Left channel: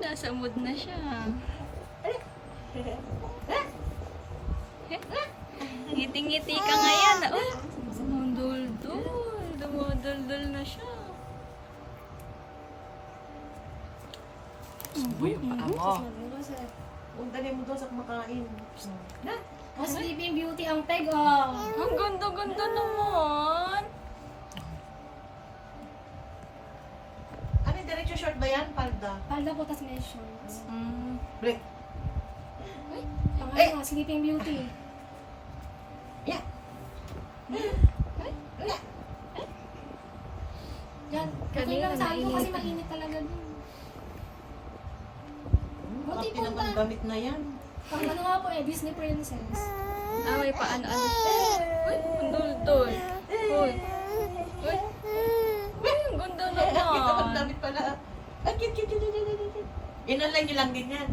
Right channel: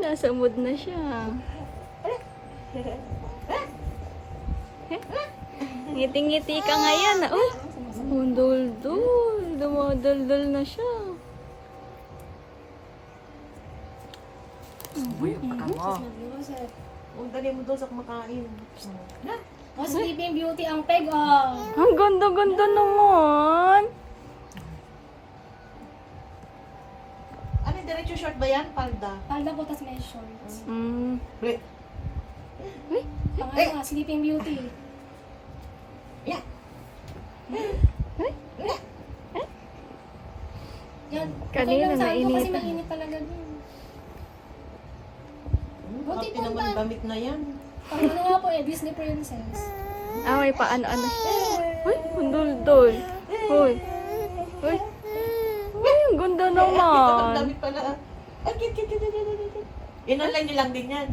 nasa mood na siya. Ngiti-ngiti ka ngayon. Uy, dul-dul. Dumadul-dul na siya. Uy, ang paka mo. Huwag dali mo doon sa kumakain. Oh, Sleeping Beauty ang peg, oh. Ang ganda-ganda naman. Ano yung diretso short ba yan? Palda? Palda po, tas may shorts. Wait. Pangalan nga, Sleeping Beauty. Yeah. Yan. Okay Kanina lang saan ko kasi nainitan. mainit talaga din. Buti Bakit po naman na. damit na yan? Pang ano nga po eh, Disney Princess. Ah, may paano-ano siya. Uy, ang dul-dul. Uy. Uy. Uy, ang ganda Ito ang naman. damit pala. Ay, kit. Inalay niyo lang din yan.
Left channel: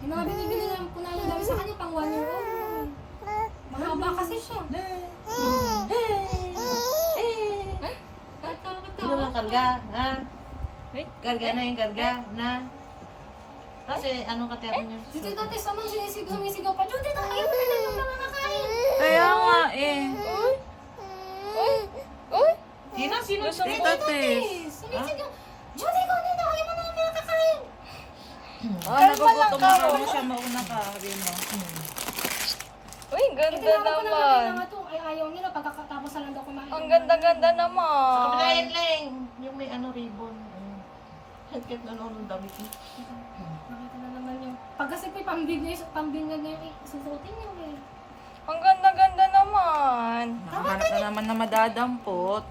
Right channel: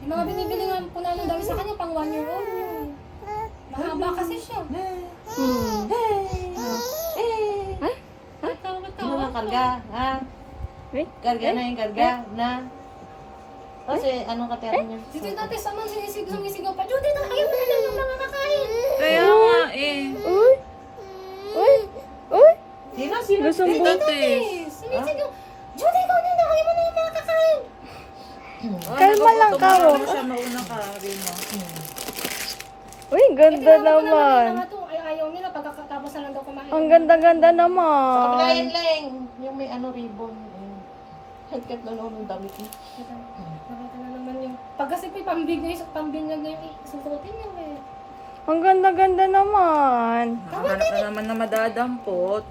Yung mga binibili nga po namin dami sa kanya, pang 1 year old. Mahaba kasi siya. Ano nga karga? Ha? Eh? Karga na yung karga na. Kasi anong katero niyo? Dito dati sa mga sumisigaw pa, Judy, ayaw mo na yung mga kakain. Kaya nga eh. Uy. Uy. Uy. Sino? Lusong Eh, butis. sumisigaw, Judy, ikaw na, ayaw mo na yung mga kakain. Nagugutom mo siya mauna ka, Rino. Uy, ganda naman. Ayaw nila pagkatapos na lang daw kumain. Ang ganda-ganda Sa naman. kapila yan lang. Yung may ano ribbon. Hagkat na noon ng damit niya. Nakita na naman yung... Pag kasi pambinyag niya yung susutin niya eh. Ang ganda-ganda naman. Nakahanap na naman na madadampot.